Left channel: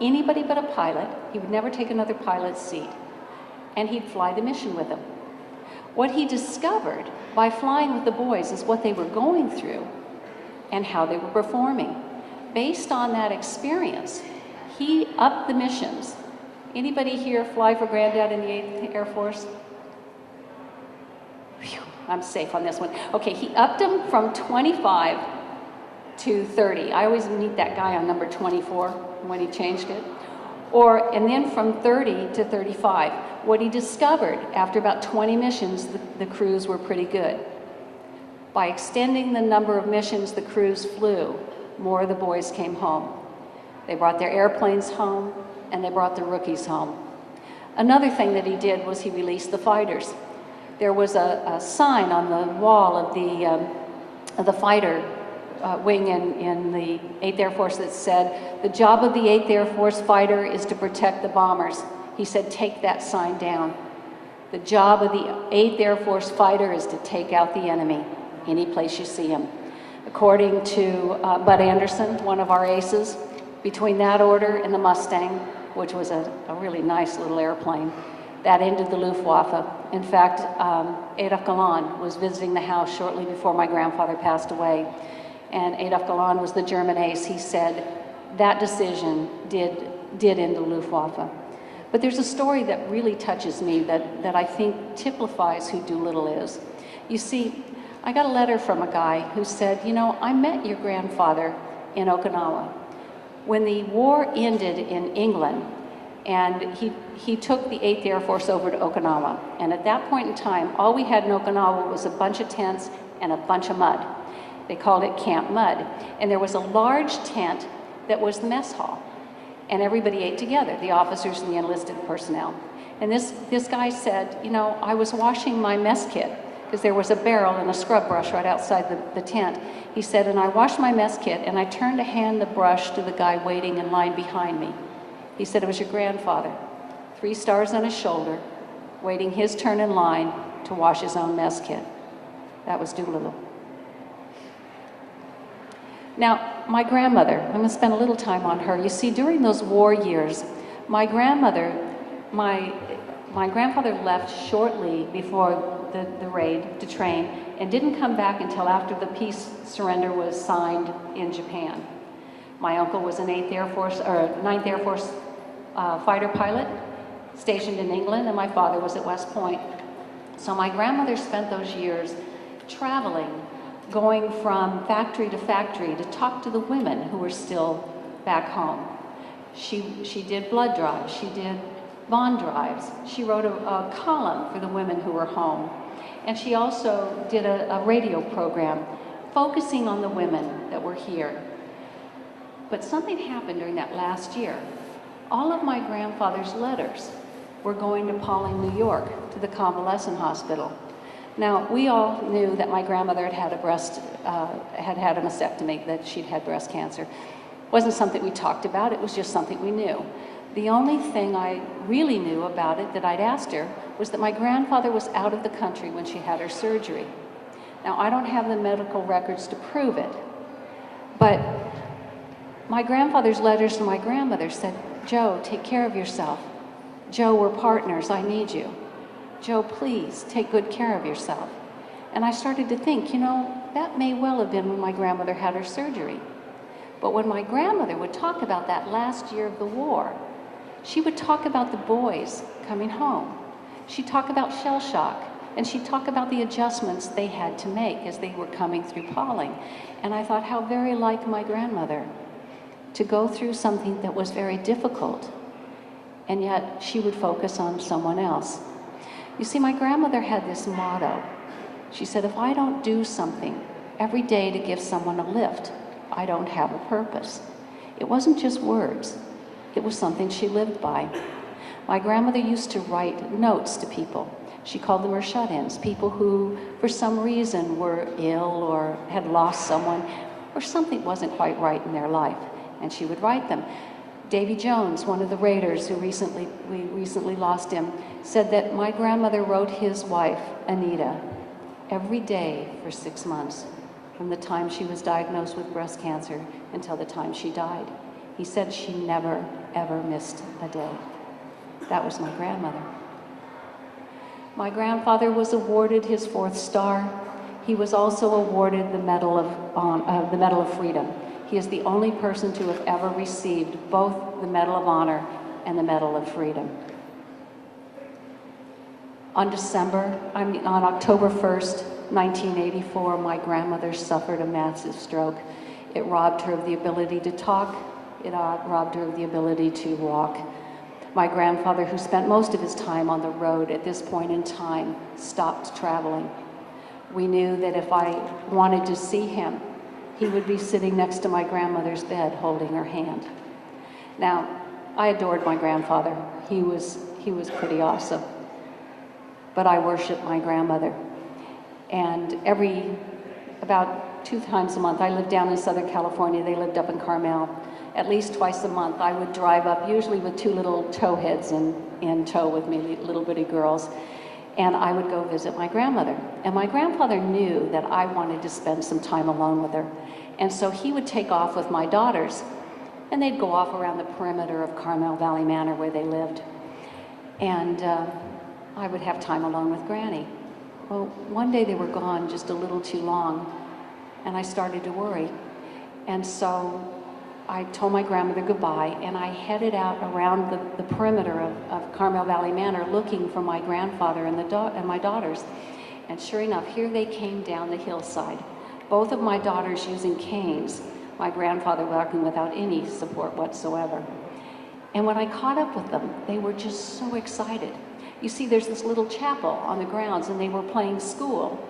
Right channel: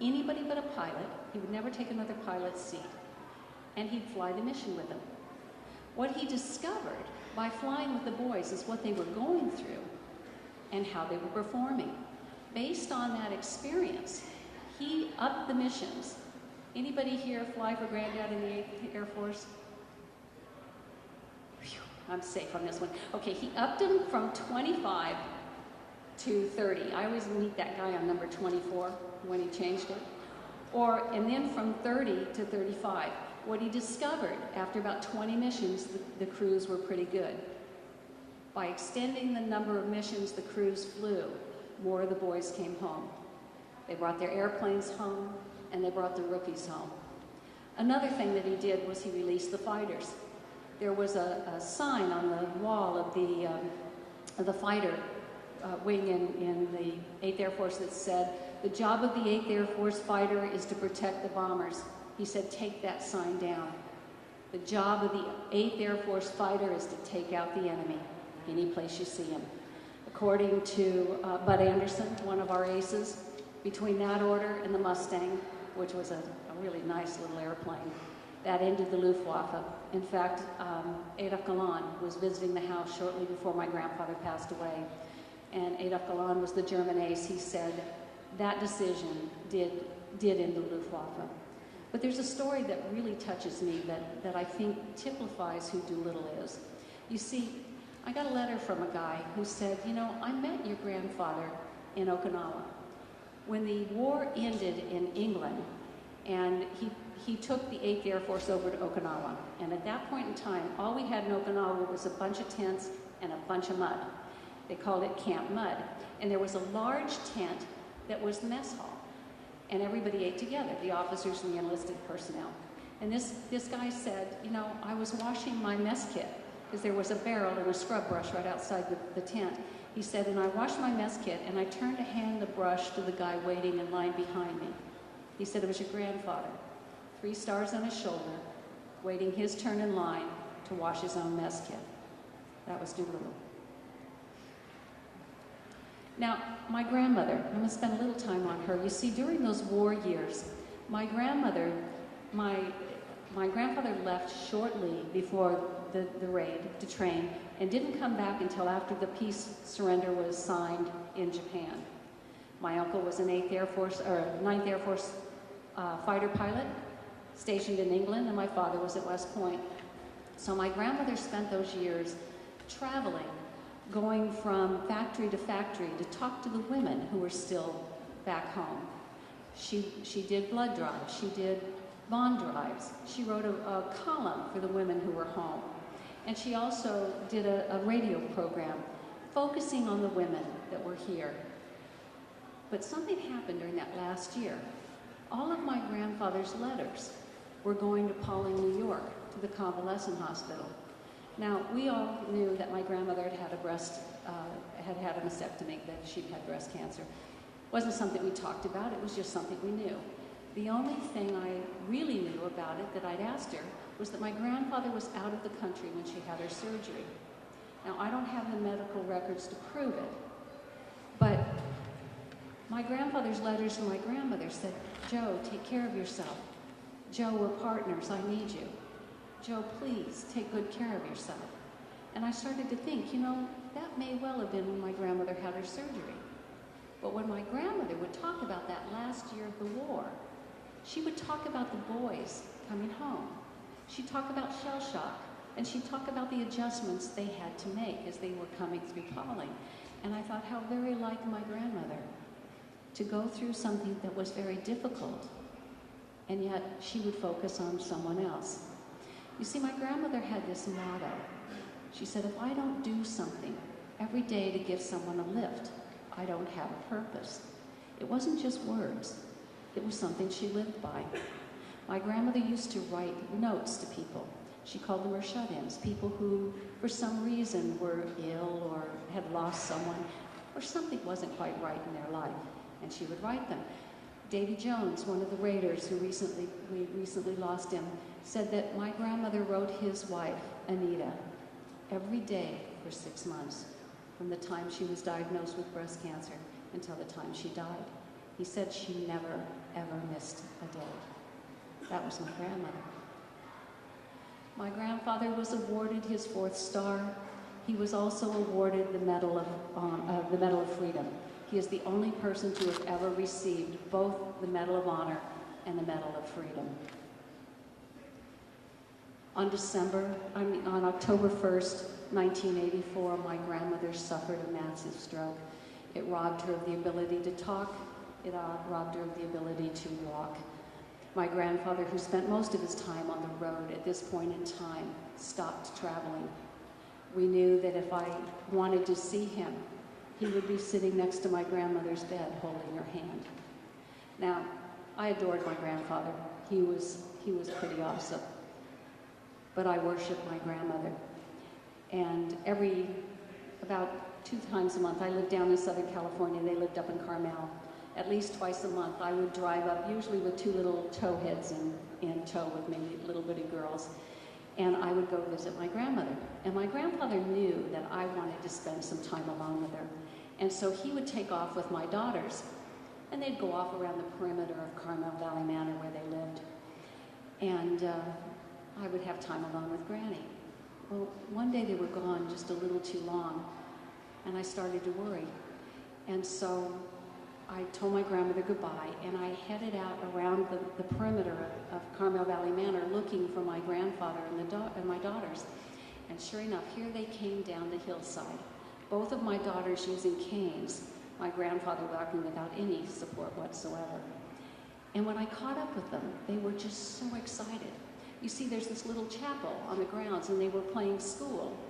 anybody but a pilot. He would never take another pilot's seat. And he'd fly the mission with them. What he discovered by flying with the boys is what they were going through and how they were performing. Based on that experience, he upped the missions. Anybody here fly for Granddad in the 8th Air Force? Whew, I'm safe on this one. Okay, he upped them from 25 to 30. I always meet that guy on number 24 when he changed it. And then from 30 to 35. What he discovered after about 20 missions, the crews were pretty good. By extending the number of missions the crews flew, more of the boys came home. They brought their airplanes home, and they brought the rookies home. Another thing that he did was he released the fighters. There was a sign on the wall of the fighter wing in the 8th Air Force that said, "The job of the 8th Air Force fighter is to protect the bombers." He said, "Take that sign down. The job of the 8th Air Force fighter is to take out the enemy, any place you see him." According to Bud Anderson, one of our aces, between that order and the Mustang, which was a really nice little airplane, that ended the Luftwaffe. In fact, Adolf Galland was visiting the house shortly before my grandfather passed away. And Adolf Galland was the German ace. He said that decision did end the Luftwaffe. But there's a story that really touches me that I think typifies who Doolittle is. You see, I got a letter from a guy who said, "You know, I met your grandfather in Okinawa. When the war ended in England, and he took the 8th Air Force over to Okinawa. And at that point in time, all we had in Okinawa was a bunch of tents and a bunch of mud. They called it Camp Mud. And there was a large tent that was the mess hall. And everybody ate together, the officers and the enlisted personnel. And this guy said, you know, I was washing my mess kit, because there was a barrel and a scrub brush right outside the tent. He said, and I washed my mess kit, and I turned to hand the brush to the guy waiting in line behind me. He said, it was your grandfather, 3 stars on his shoulder, waiting his turn in line to wash his own mess kit. That was Doolittle. Now, my grandmother, I'm going to spend a little time on her. You see, during those war years, my grandfather left shortly before the raid to train and didn't come back until after the peace surrender was signed in Japan. My uncle was an 9th Air Force fighter pilot stationed in England, and my father was at West Point. So my grandmother spent those years traveling, going from factory to factory to talk to the women who were still back home. She did blood drives, she did bond drives, she wrote a column for the women who were home, and she also did a radio program focusing on the women that were here. But something happened during that last year. All of my grandfather's letters were going to Pawling, New York, to the convalescent hospital. Now, we all knew that my grandmother had a mastectomy, that she'd had breast cancer. It wasn't something we talked about, it was just something we knew. The only thing I really knew about it that I'd asked her was that my grandfather was out of the country when she had her surgery. Now, I don't have the medical records to prove it, but my grandfather's letters to my grandmother said, Joe, take care of yourself. Joe, we're partners, I need you. Joe, please take good care of yourself. And I started to think, you know, that may well have been when my grandmother had her surgery. But when my grandmother would talk about that last year of the war, she would talk about the boys coming home. She'd talk about shell shock, and she'd talk about the adjustments they had to make as they were coming through Pawling. And I thought, how very like my grandmother to go through something that was very difficult, and yet she would focus on someone else. You see, my grandmother had this motto. She said, if I don't do something every day to give someone a lift, I don't have a purpose. It wasn't just words. It was something she lived by. My grandmother used to write notes to people. She called them her shut-ins, people who, for some reason, were ill or had lost someone, or something wasn't quite right in their life, and she would write them. Davy Jones, one of the raiders who we recently lost him, said that my grandmother wrote his wife, Anita, every day for 6 months, from the time she was diagnosed with breast cancer until the time she died. He said she never, ever missed a day. That was my grandmother. My grandfather was awarded his 4th star. He was also awarded the Medal of Freedom. He is the only person to have ever received both the Medal of Honor and the Medal of Freedom. On October 1st, 1984, my grandmother suffered a massive stroke. It robbed her of the ability to talk. It robbed her of the ability to walk. My grandfather, who spent most of his time on the road at this point in time, stopped traveling. We knew that if I wanted to see him, he would be sitting next to my grandmother's bed holding her hand. Now, I adored my grandfather. He was pretty awesome. But I worshiped my grandmother. And about 2 times a month, I lived down in Southern California, they lived up in Carmel. At least twice a month, I would drive up, usually with 2 little towheads in tow with me, little bitty girls, and I would go visit my grandmother. And my grandfather knew that I wanted to spend some time alone with her. And so he would take off with my daughters, and they'd go off around the perimeter of Carmel Valley Manor where they lived. And I would have time alone with Granny. Well, one day they were gone just a little too long, and I started to worry. And so I told my grandmother goodbye, and I headed out around the perimeter of Carmel Valley Manor looking for my grandfather and my daughters. And sure enough, here they came down the hillside. Both of my daughters using canes, my grandfather walking without any support whatsoever. And when I caught up with them, they were just so excited. You see, there's this little chapel on the grounds, and they were playing school.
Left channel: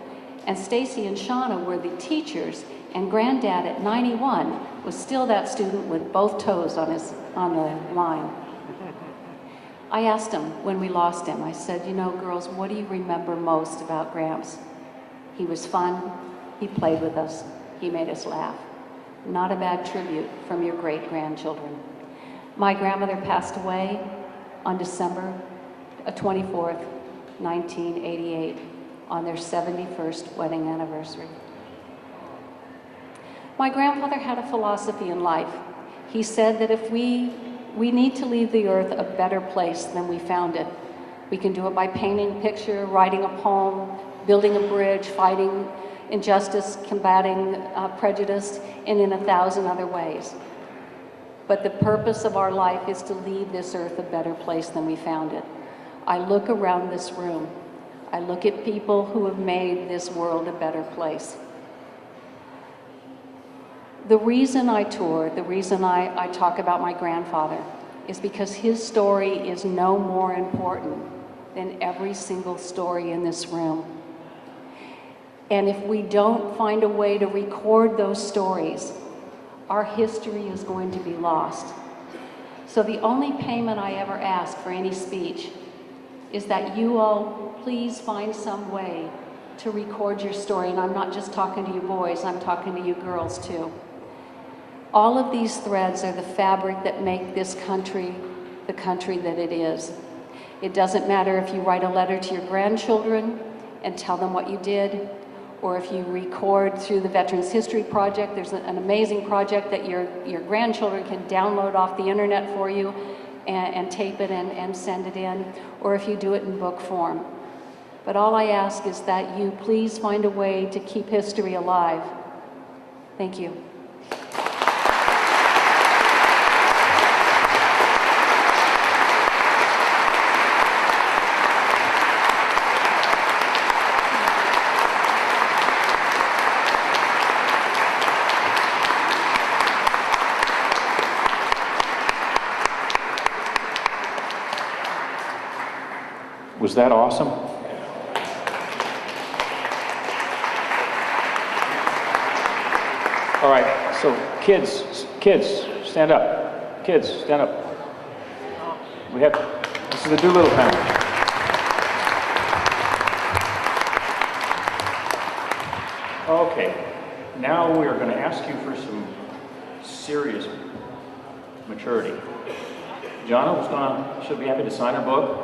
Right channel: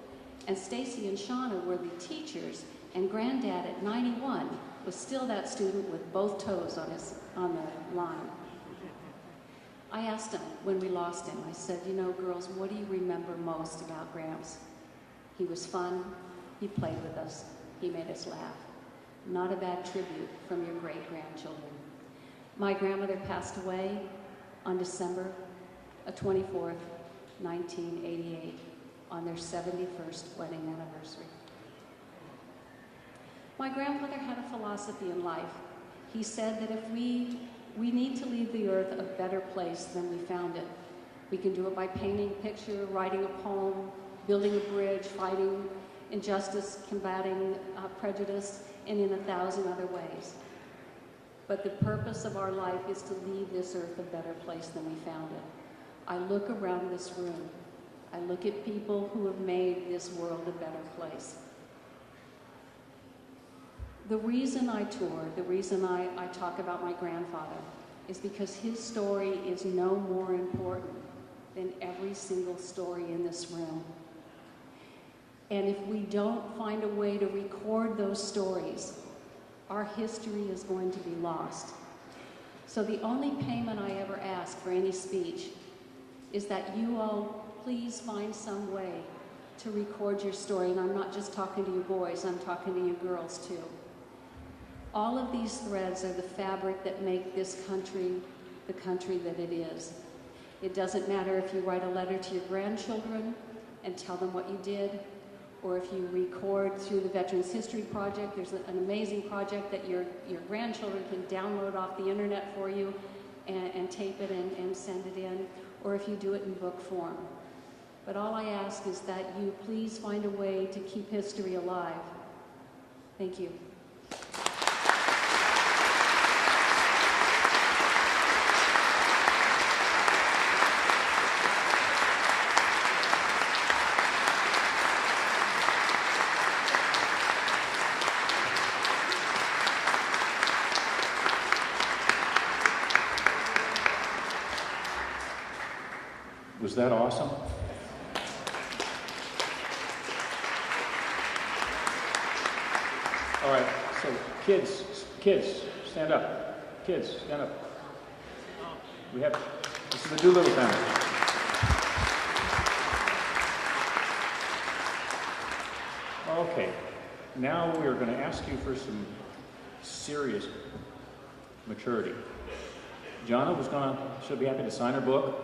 And Stacy and Shauna were the teachers, and Granddad at 91 was still that student with both toes on the line. I asked him when we lost him, I said, you know, girls, what do you remember most about Gramps? He was fun, he played with us, he made us laugh. Not a bad tribute from your great-grandchildren. My grandmother passed away on December 24th, 1988, on their 71st wedding anniversary. My grandfather had a philosophy in life. He said that if we need to leave the earth a better place than we found it. We can do it by painting a picture, writing a poem, building a bridge, fighting injustice, combating prejudice, and in 1,000 other ways. But the purpose of our life is to leave this earth a better place than we found it. I look around this room. I look at people who have made this world a better place. The reason I tour, the reason I talk about my grandfather is because his story is no more important than every single story in this room. And if we don't find a way to record those stories, our history is going to be lost. So the only payment I ever ask for any speech is that you all please find some way to record your story. And I'm not just talking to you boys, I'm talking to you girls too. All of these threads are the fabric that make this country the country that it is. It doesn't matter if you write a letter to your grandchildren and tell them what you did, or if you record through the Veterans History Project. There's an amazing project that your grandchildren can download off the internet for you and tape it and send it in, or if you do it in book form. But all I ask is that you please find a way to keep history alive. Thank you. Was that awesome? All right, so kids, stand up. Kids, stand up. This is the Doolittle family. Okay, now we are going to ask you for some serious maturity. Jonna she'll be happy to sign her book.